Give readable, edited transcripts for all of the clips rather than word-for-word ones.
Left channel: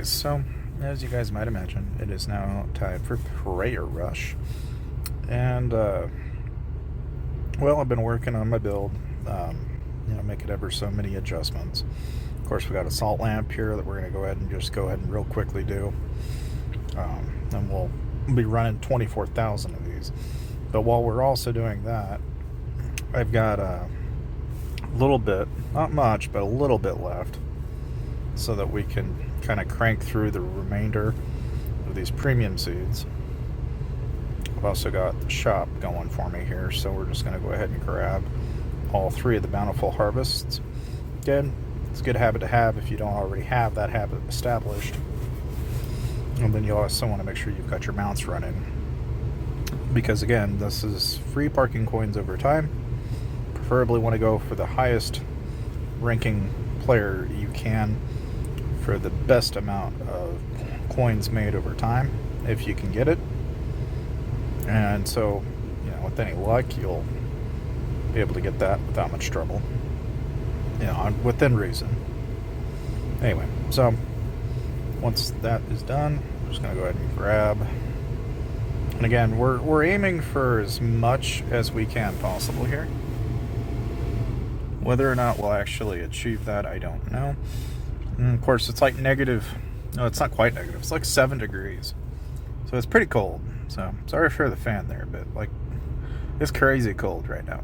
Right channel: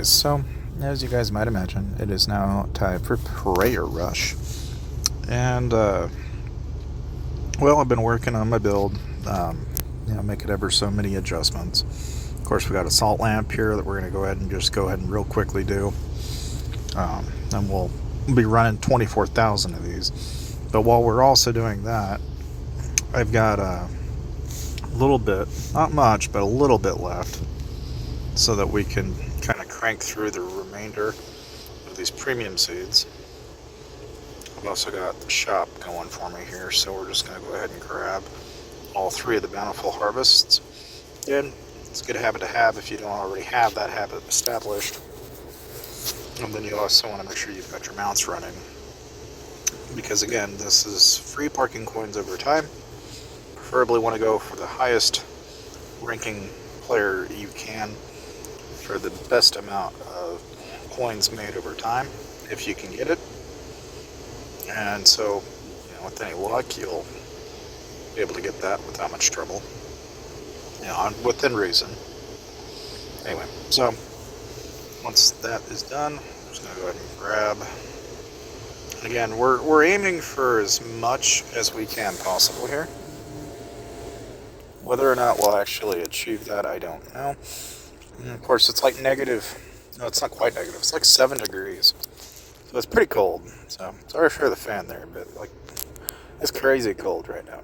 So, as you guys might imagine, it is now time for Prayer Rush. And, I've been working on my build, making ever so many adjustments. Of course, we got a salt lamp here that we're going to go ahead and real quickly do. And we'll be running 24,000 of these. But while we're also doing that, I've got a little bit, not much, but a little bit left so that we can kind of crank through the remainder of these premium seeds. I've also got the shop going for me here, so we're just going to go ahead and grab all three of the bountiful harvests. Again, it's a good habit to have if you don't already have that habit established. And then you also want to make sure you've got your mounts running, because again, this is free parking coins over time. Preferably want to go for the highest ranking player you can for the best amount of coins made over time, if you can get it. And so, with any luck, you'll be able to get that without much trouble, within reason. Anyway, so once that is done, I'm just going to go ahead and grab. And again, we're aiming for as much as we can possible here. Whether or not we'll actually achieve that, I don't know. And of course, it's like negative. No, it's not quite negative. It's like 7 degrees. So it's pretty cold. So sorry for the fan there, but it's crazy cold right now.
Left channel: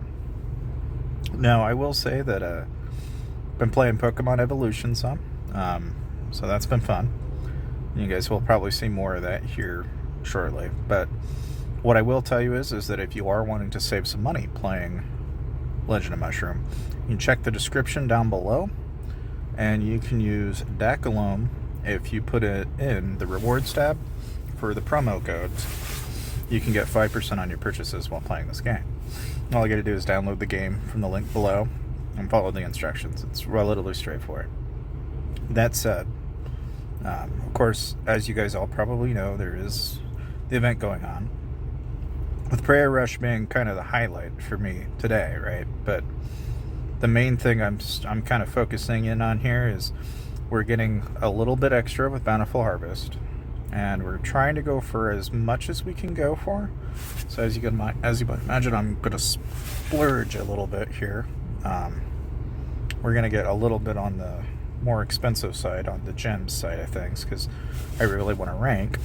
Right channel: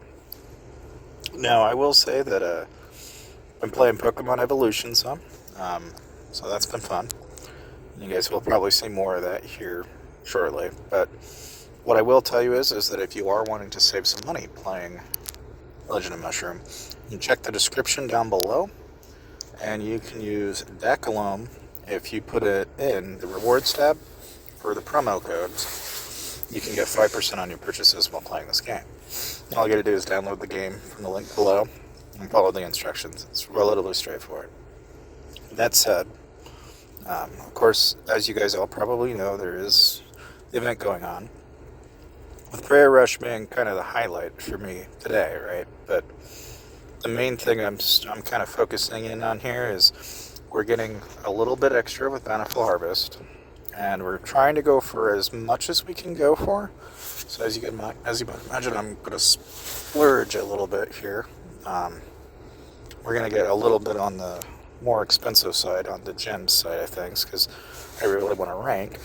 Now, I will say that I've been playing Pokemon Evolution some. So that's been fun. You guys will probably see more of that here shortly. But what I will tell you is that if you are wanting to save some money playing Legend of Mushroom, you can check the description down below. And you can use Dakanoth if you put it in the rewards tab for the promo codes. You can get 5% on your purchases while playing this game. All you got to do is download the game from the link below and follow the instructions. It's relatively straightforward. That said, of course, as you guys all probably know, there is the event going on, with Prayer Rush being kind of the highlight for me today, right? But the main thing I'm kind of focusing in on here is we're getting a little bit extra with Bountiful Harvest, and we're trying to go for as much as we can go for. So as you might imagine, I'm going to splurge a little bit here. We're going to get a little bit on the more expensive side, on the gems side of things, because I really want to rank.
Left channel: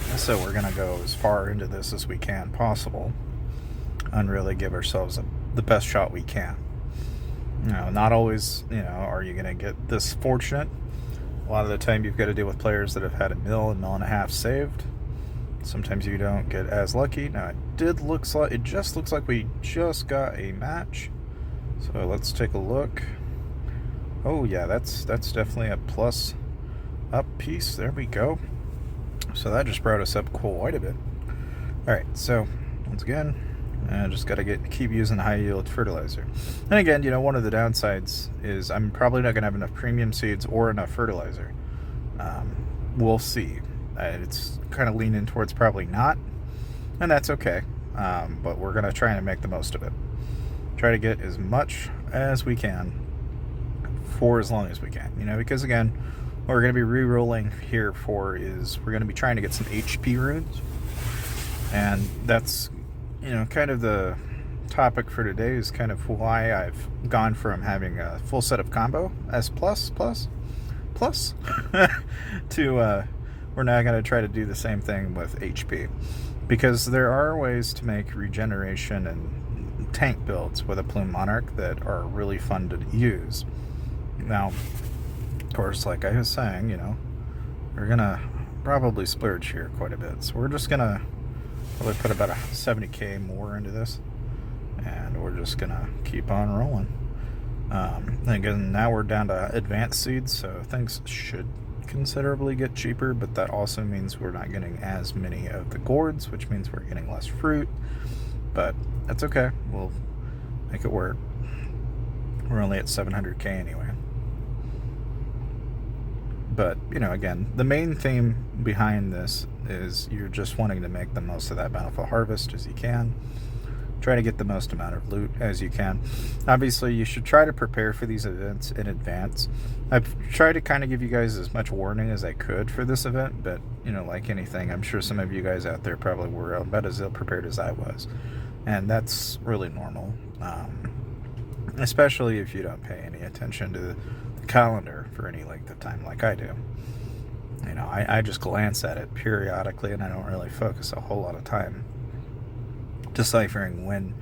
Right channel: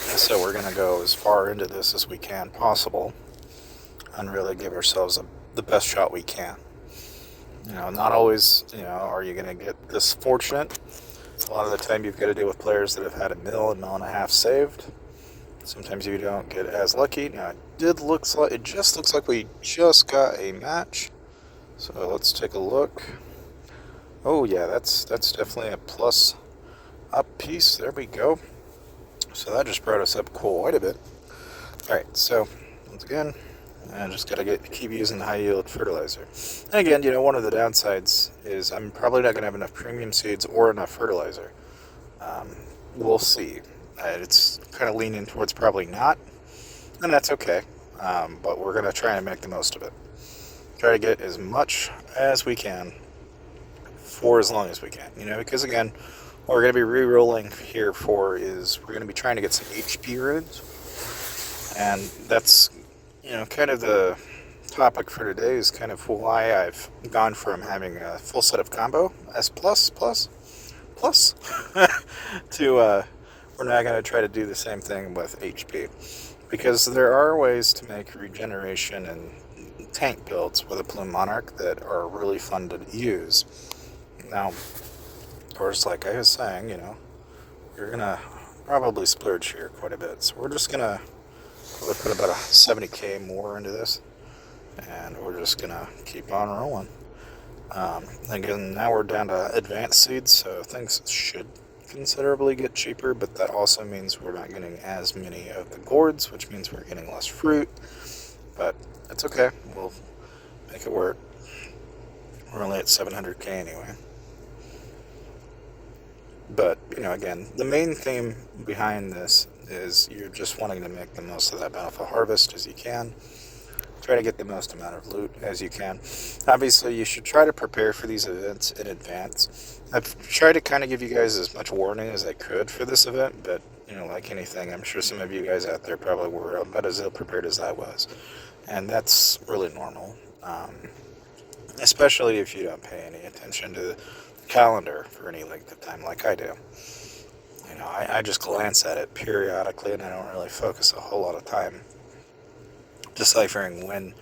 So we're going to go as far into this as we can possible and really give ourselves the best shot we can. Not always, are you going to get this fortunate. A lot of the time you've got to deal with players that have had a mil and a half saved. Sometimes you don't get as lucky. Now, it just looks like we just got a match. So let's take a look. Oh yeah, that's definitely a plus up piece. There we go. So that just brought us up quite a bit. Alright, so once again, I just got to keep using high yield fertilizer. And again, one of the downsides is I'm probably not going to have enough premium seeds or enough fertilizer. We'll see. It's kind of leaning towards probably not, and that's okay. But we're going to try and make the most of it. Try to get as much as we can for as long as we can. Because again, what we're going to be re-rolling here for is we're going to be trying to get some HP runes. And that's kind of the topic for today, is kind of why I've gone from having a full set of combo S plus to we're now going to try to do the same thing with HP, because there are ways to make regeneration and tank builds with a Plume Monarch that are really fun to use. Now, of course, like I was saying, we're going to probably splurge here quite a bit, so we're just going to probably put about a 70k more into this, and we're just gonna keep on rolling. Again, now we're down to advanced seeds, so things should considerably get cheaper, but that also means we're not getting as many of the gourds, which means we're getting less fruit, but that's okay. We'll make it work. We're only at 700k anyway. But, again, the main theme behind this is you're just wanting to make the most of that bountiful harvest as you can. Try to get the most amount of loot as you can. Obviously, you should try to prepare for these events in advance. I've tried to kind of give you guys as much warning as I could for this event, but, like anything, I'm sure some of you guys out there probably were about as ill prepared as I was. And that's really normal, especially if you don't pay any attention to the calendar for any length of time like I do. I just glance at it periodically, and I don't really focus a whole lot of time deciphering when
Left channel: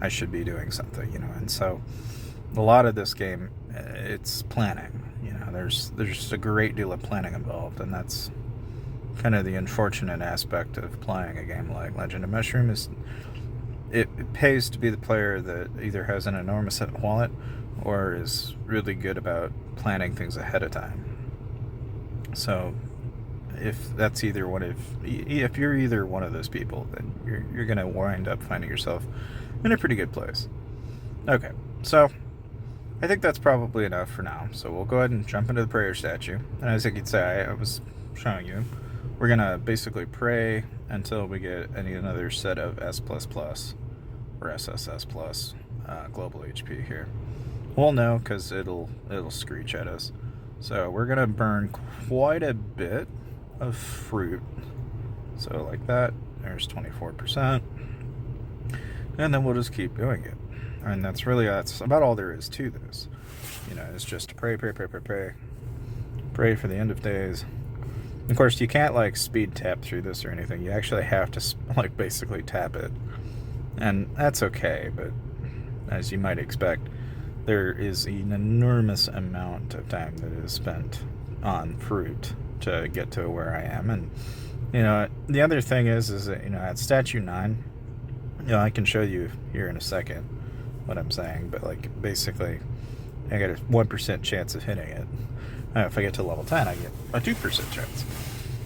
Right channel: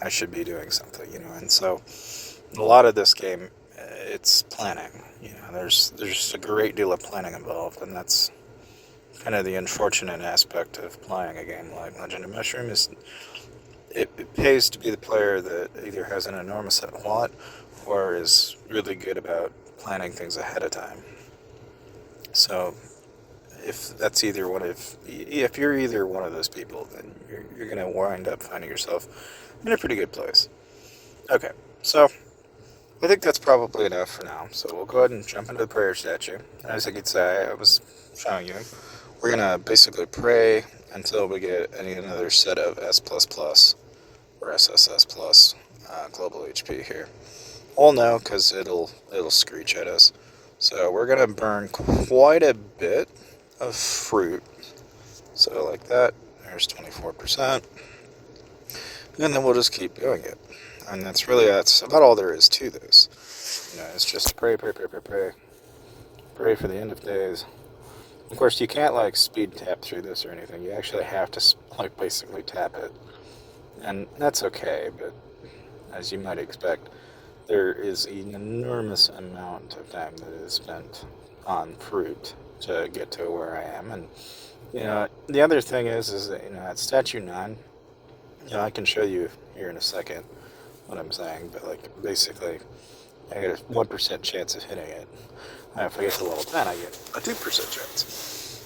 I should be doing something, and so a lot of this game, it's planning. There's a great deal of planning involved, and that's kind of the unfortunate aspect of playing a game like Legend of Mushroom. Is it pays to be the player that either has an enormous wallet or is really good about planning things ahead of time. So if you're either one of those people, then you're going to wind up finding yourself in a pretty good place. Okay, so I think that's probably enough for now. So we'll go ahead and jump into the prayer statue. And as you can say, I was showing you, we're going to basically pray until we get another set of S++ or SSS plus global HP here. We'll know because it'll screech at us. So we're going to burn quite a bit of fruit. So like that, there's 24%. And then we'll just keep doing it. And that's about all there is to this. It's just pray. Pray for the end of days. Of course, you can't speed tap through this or anything. You actually have to basically tap it. And that's okay, but as you might expect, there is an enormous amount of time that is spent on fruit to get to where I am. And the other thing is that at statue 9, I can show you here in a second what I'm saying, but basically I get a 1% chance of hitting it. If I get to level 10, I get a 2% chance.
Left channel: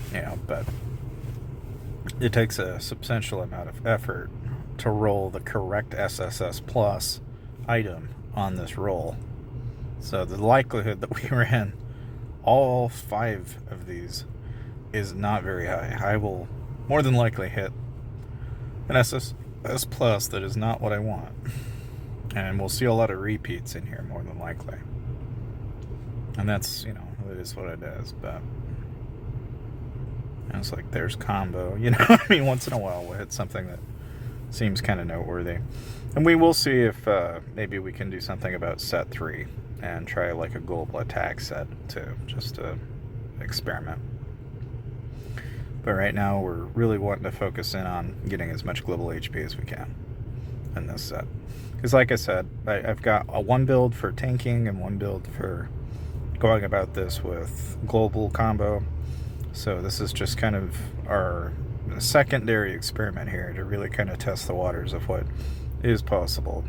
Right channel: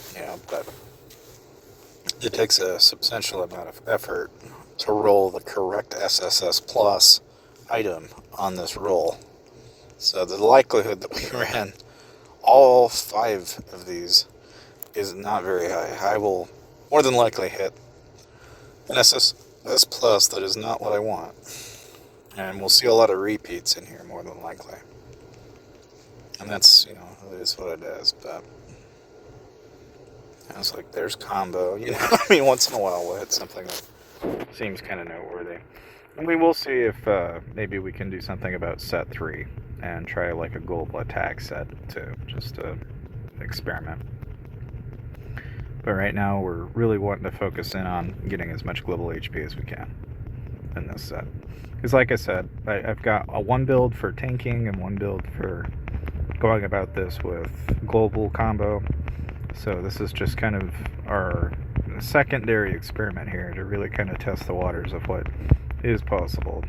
But it takes a substantial amount of effort to roll the correct SSS plus item on this roll. So the likelihood that we ran all 5 of these is not very high. I will more than likely hit an SSS plus that is not what I want. And we'll see a lot of repeats in here more than likely. And that's, it is what it is. But it's there's combo, once in a while we'll hit something that seems kind of noteworthy. And we will see if maybe we can do something about set 3 and try a global attack set too, just to experiment. But right now we're really wanting to focus in on getting as much global HP as we can in this set. Because like I said, I've got a 1 build for tanking and 1 build for going about this with global combo. So this is just kind of our secondary experiment here to really kind of test the waters of what is possible.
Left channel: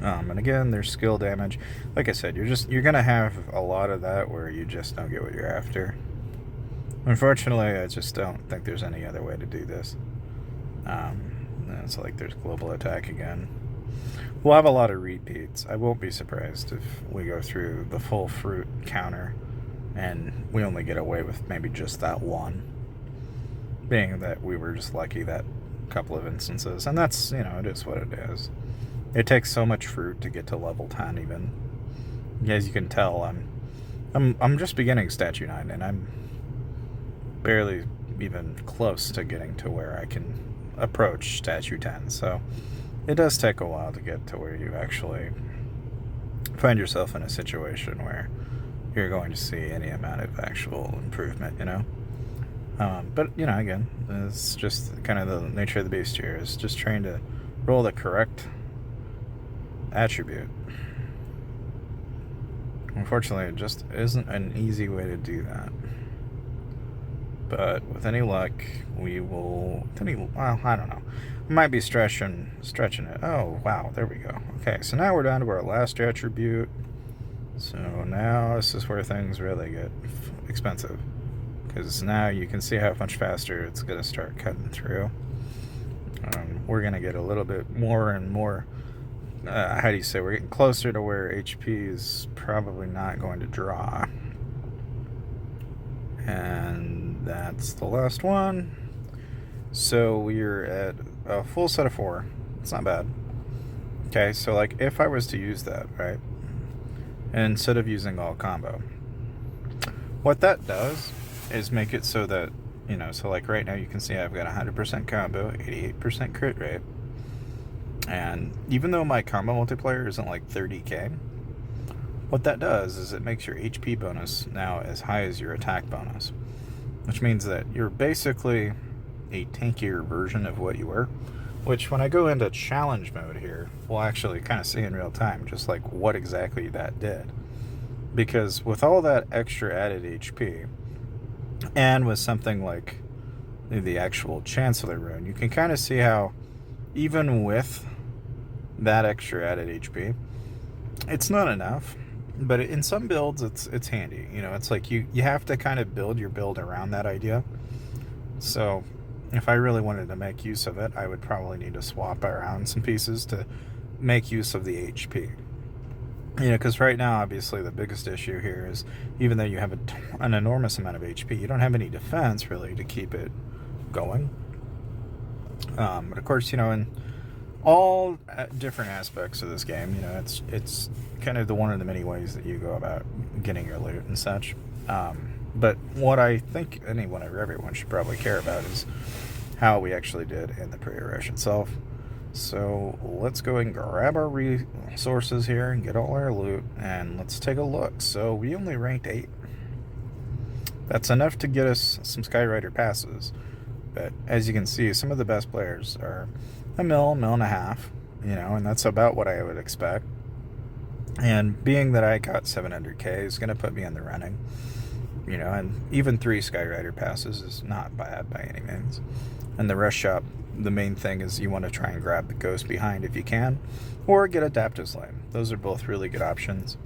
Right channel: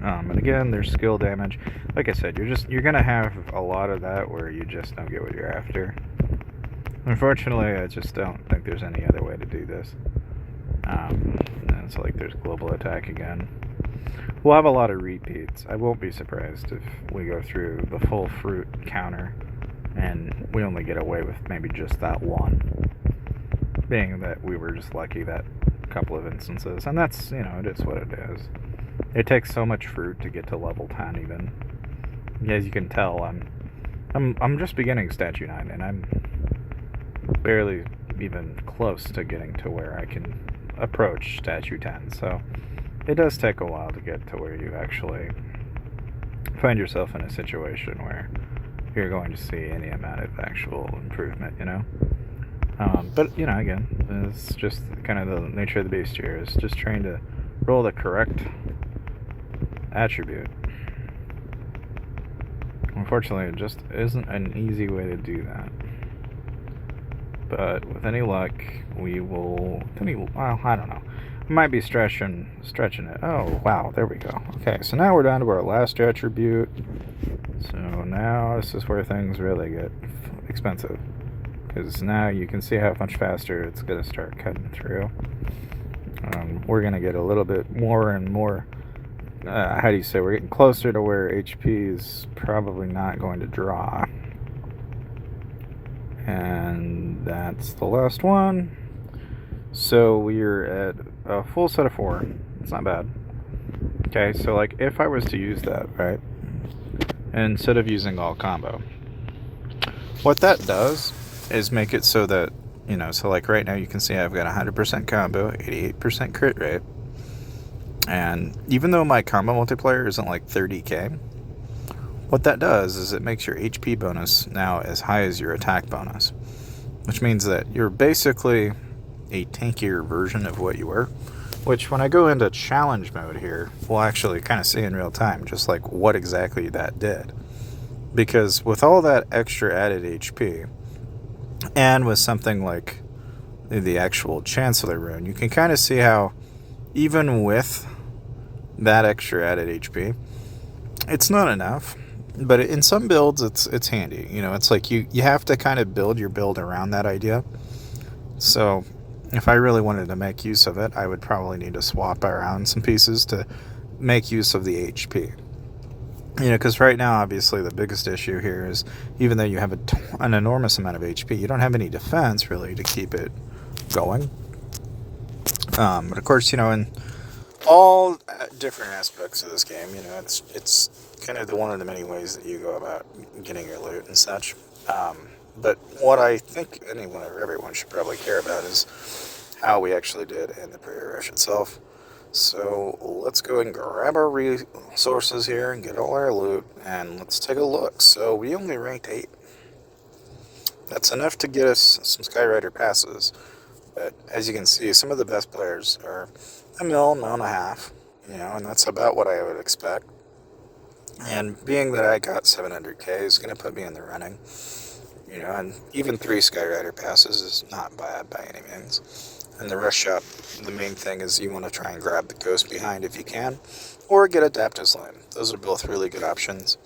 And again, there's skill damage. Like I said, you're gonna have a lot of that where you just don't get what you're after. Unfortunately, I just don't think there's any other way to do this. And it's there's global attack again. We'll have a lot of repeats. I won't be surprised if we go through the full fruit counter and we only get away with maybe just that one. Being that we were just lucky that couple of instances. And that's, it is what it is. It takes so much fruit to get to level 10 even. As you can tell, I'm just beginning statue 9 and I'm barely even close to getting to where I can approach statue 10. So it does take a while to get to where you actually find yourself in a situation where you're going to see any amount of actual improvement, But, again, it's just kind of the nature of the beast here, is just trying to roll the correct attribute. Unfortunately, it just isn't an easy way to do that. But with any luck, we will... I don't know. We might be stretching it. Oh, wow, there we go. Okay, so now we're down to our last attribute. So now this is where things really get expensive. Because now you can see how much faster it's going to start cutting through. We're going to get a little bit more and more... we're getting closer to where HP is probably not going to draw. And that's the last one. So we're at a full set of 4. It's not bad. Okay, so like if I was to use that, right, and instead of using all combo, what that does is make it so that, you know, so like right now you can see I've got 100% combo, 88% crit rate, and even though my combo multiplier isn't like 30k, what that does is it makes your HP bonus now as high as your attack bonus, which means that you're basically a tankier version of what you were, which when I go into challenge mode here, we'll actually kind of see in real time just like what exactly that did. Because with all that extra added HP, and with something like the actual Chancellor rune, you can kind of see how even with that extra added HP, it's not enough. But in some builds, it's handy. You know, it's like you have to kind of build your build around that idea. So if I really wanted to make use of it, I would probably need to swap around some pieces to make use of the HP. You know, because right now, obviously, the biggest issue here is even though you have an enormous amount of HP, you don't have any defense, really, to keep it going. But, of course, you know, in all different aspects of this game, you know, it's kind of one of the many ways that you go about getting your loot and such. But what I think anyone or everyone should probably care about is how we actually did in the pre-rush itself. So let's go and grab our resources here and get all our loot, and let's take a look. So we only ranked 8. That's enough to get us some Skyrider passes, but as you can see, some of the best players are a mil and a half, you know, and that's about what I would expect. And being that I got 700k is going to put me in the running, you know, and even 3 Skyrider passes is not bad by any means. And the rush shop, the main thing is you want to try and grab the ghost behind if you can, or get Adaptus Lane. Those are both really good options.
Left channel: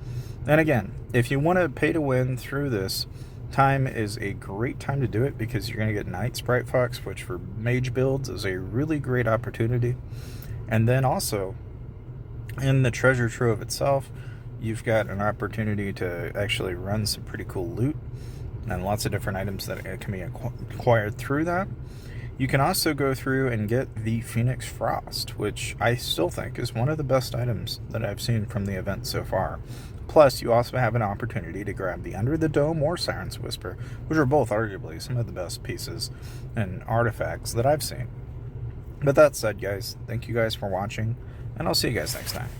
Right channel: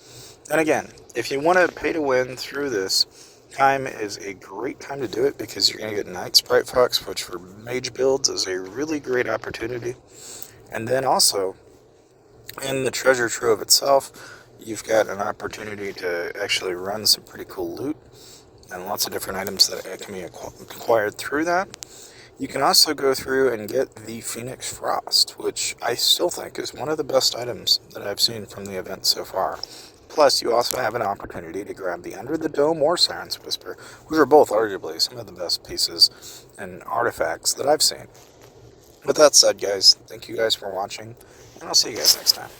And again, if you want to pay to win through this, time is a great time to do it because you're going to get Knight Sprite Fox, which for mage builds is a really great opportunity. And then also, in the treasure trove itself, you've got an opportunity to actually run some pretty cool loot and lots of different items that can be acquired through that. You can also go through and get the Phoenix Frost, which I still think is one of the best items that I've seen from the event so far. Plus, you also have an opportunity to grab the Under the Dome or Siren's Whisper, which are both arguably some of the best pieces and artifacts that I've seen. With that said, guys, thank you guys for watching, and I'll see you guys next time.